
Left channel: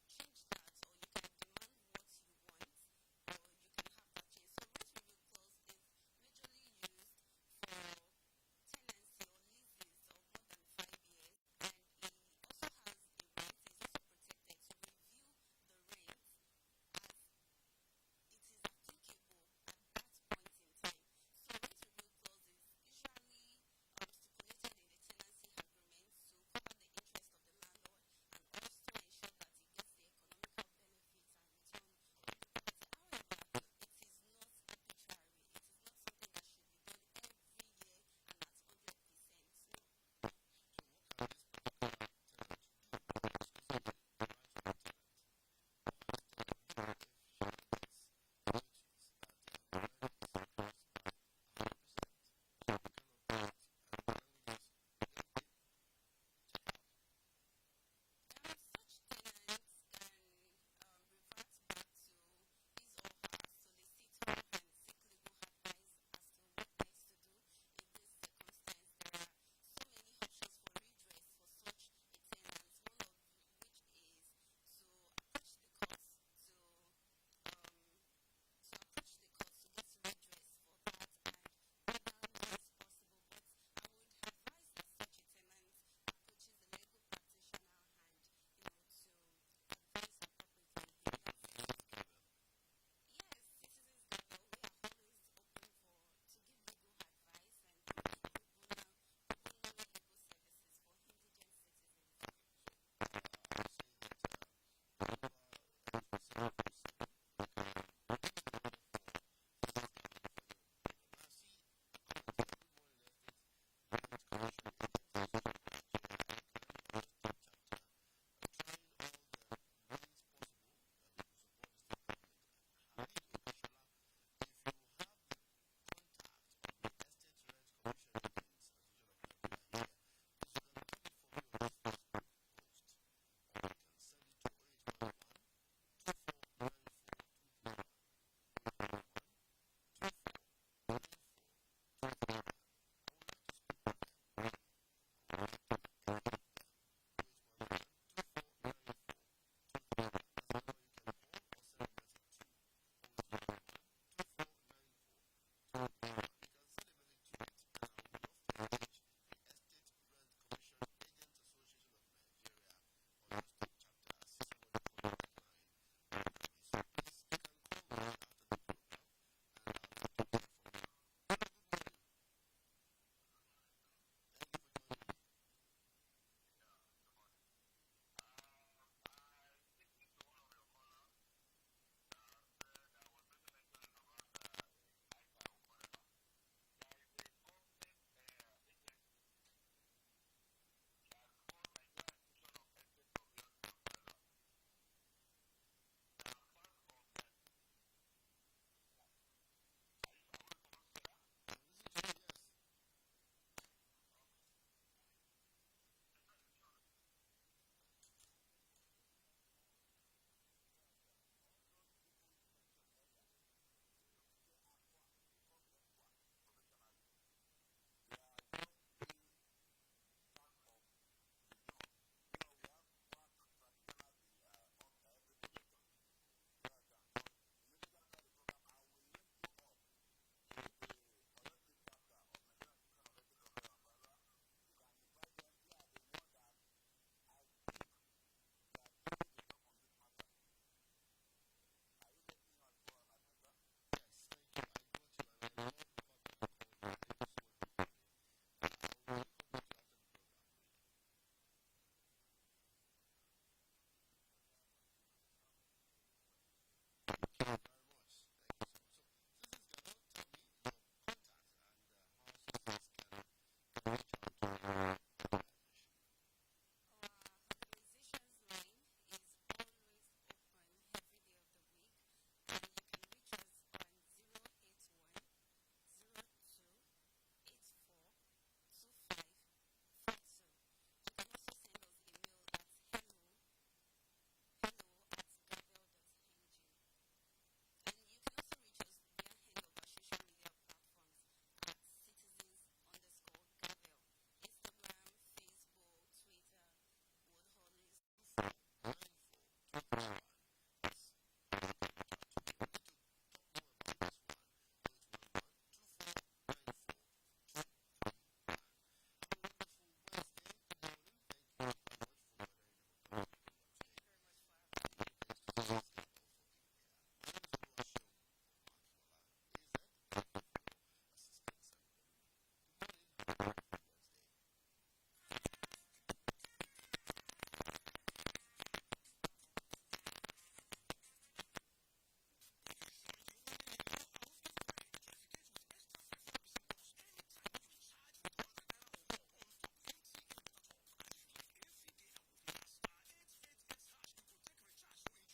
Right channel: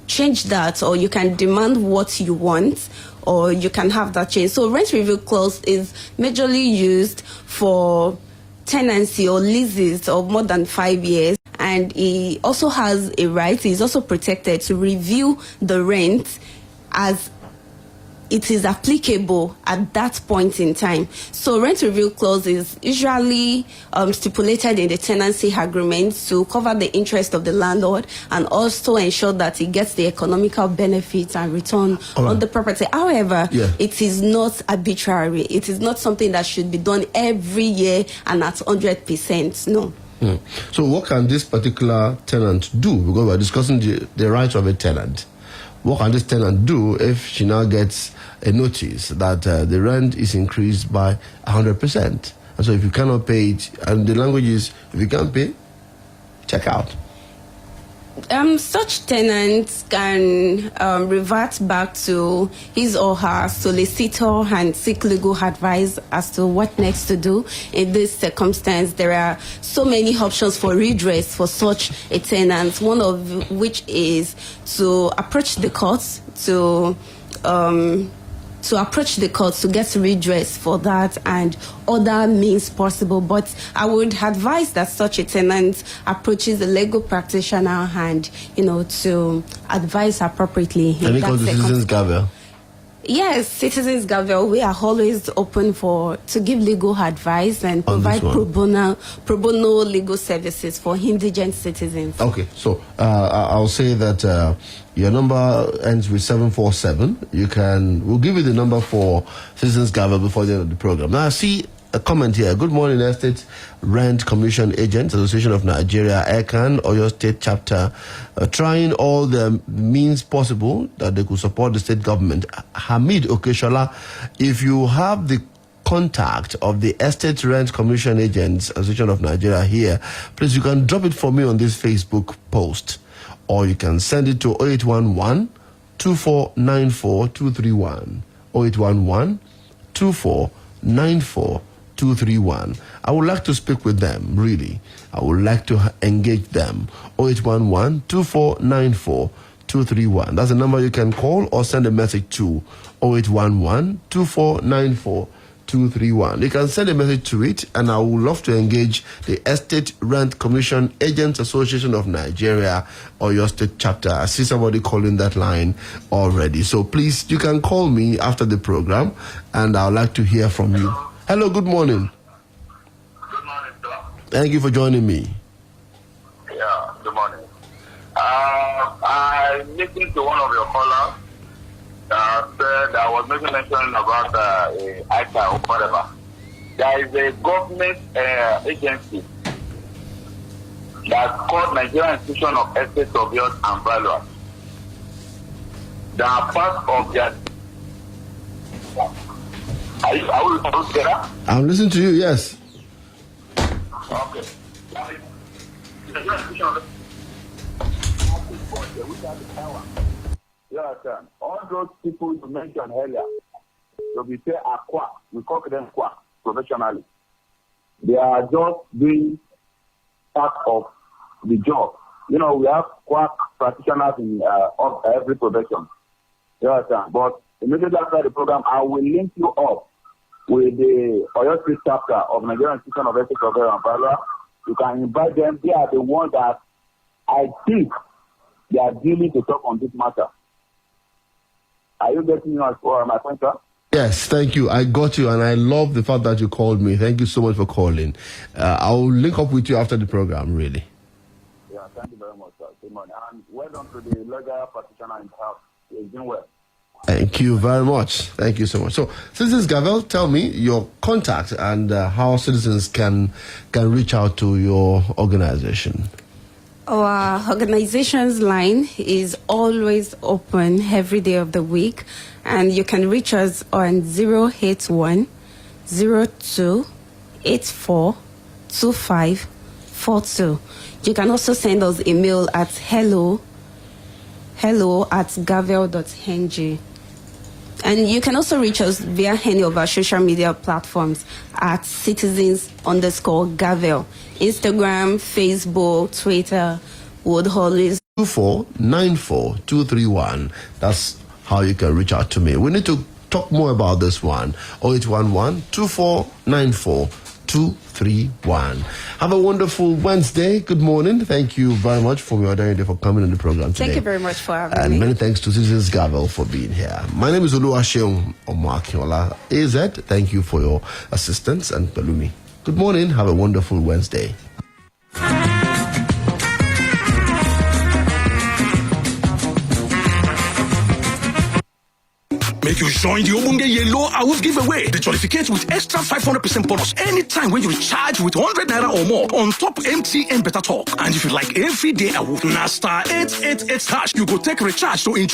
change that, or you can demand what you want, or you can have that changed. So rent review clause is majorly used for tenancy or leases of more than 5 years, and he also has a right, he's also protected to review the rent as it is applicable at that point in time. So rent review clause is usually stipulated in the tenancy agreement to cover the interest of the landlord and also ensure that he gets the economical benefits and return on the property. However, it is not arbitrary. It is not something that should be done every year and at 100%. No. So what can this particular tenant do? Because we're discussing the rights of a tenant. What can this tenant do if she now gets a notice that the rent is increased by 100%? And so if you cannot pay it, and the language is, if you can't pay, check out. Such tenants can revert back to his or her solicitor and seek legal advice as to what next to do. In this circumstance, there are so many options for redress for such a tenant, one of which is to approach the courts to get redress for that and other means possible. But I would advise that such a tenant approaches a legal practitioner and, to advise appropriately. Can we call the Citizens Gavel? Yes, Citizens Gavel, we are always open to give legal advice and provide pro bono legal services for indigent citizens. Okay, so I'll say that your number ends with 747. We'll give you the number for Citizens Gavel before the end of the program. Now I see a comment here. Good morning, Estate Rent Commission Agents Association of Nigeria, ECAN, Oyo State Chapter, trying all the means possible that they could support the state government. Hamid Okeshola, if you have the contact of the Estate Rent Commission Agents Association of Nigeria here, please, you can drop it for me on this Facebook post, or you can send it to 0811 2494 231. 0811 2494 231. I would like to speak with them, really. I would like to engage them. 0811 2494 231. That's the number you can call or send a message to 0811 2494 231. You can send a message to it, and I would love to engage the Estate Rent Commission Agents Association of Nigeria or your state chapter. I see somebody calling that line already. So please, you can call me after the program, and I would like to hear from you. Hello, good morning. Good morning, sir. Thank you for joining me. Yeah, good morning. I listened to one of your callers said I was making mention about ICA or whatever. There is a government agency that's called Nigerian Institution of Estate Surveyors and Valuers. They are part of their... Are we together? I'm listening to you, yes. Okay. You understand? All those people you mentioned earlier, so we say aqua, we call them quack professionally. They are just doing part of the job. We have quack practitioners in every profession. You understand? But immediately after the program, I will link you up with the Oyo State chapter of Nigerian Institution of Estate Surveyors and Valuers. You can invite them. They are the ones that I think they are dealing to talk on this matter. Are you getting me my point, sir? Yes, thank you. I got you, and I love the fact that you called me. Thank you so much for calling. I'll link up with you after the program, really. Yeah, thank you very much, sir. Good morning. And well done to the legal practitioner in the house. He's doing well. Thank you very much. Thank you so much. So, Citizens Gavel, tell me your contact and how citizens can reach out to your organization. Our organization's line is always open every day of the week, and you can reach us on 081 02 84 2542. You can also send us email at hello@gavel.ng. And you can also reach us via any of our social media platforms at citizens_Gavel. Instagram, Facebook, Twitter would always... 2494 231. That's how you can reach out to me. We need to talk more about this one. 0811-2494-231. Have a wonderful Wednesday. Good morning. Thank you very much for your day for coming on the program today. Thank you very much for having me. And many thanks to Citizens Gavel for being here. My name is Seun Akinola. AZ, thank you for your assistance, and Pelumi. Good morning. Have a wonderful Wednesday. Make you join the Obunge Yellow Awoof giveaway. The jollificate with extra 500% bonus anytime when you recharge with 100 naira or more on top MTN Better Talk. And if you like everyday Awoof, na star 888 hash, you go take recharge to enjoy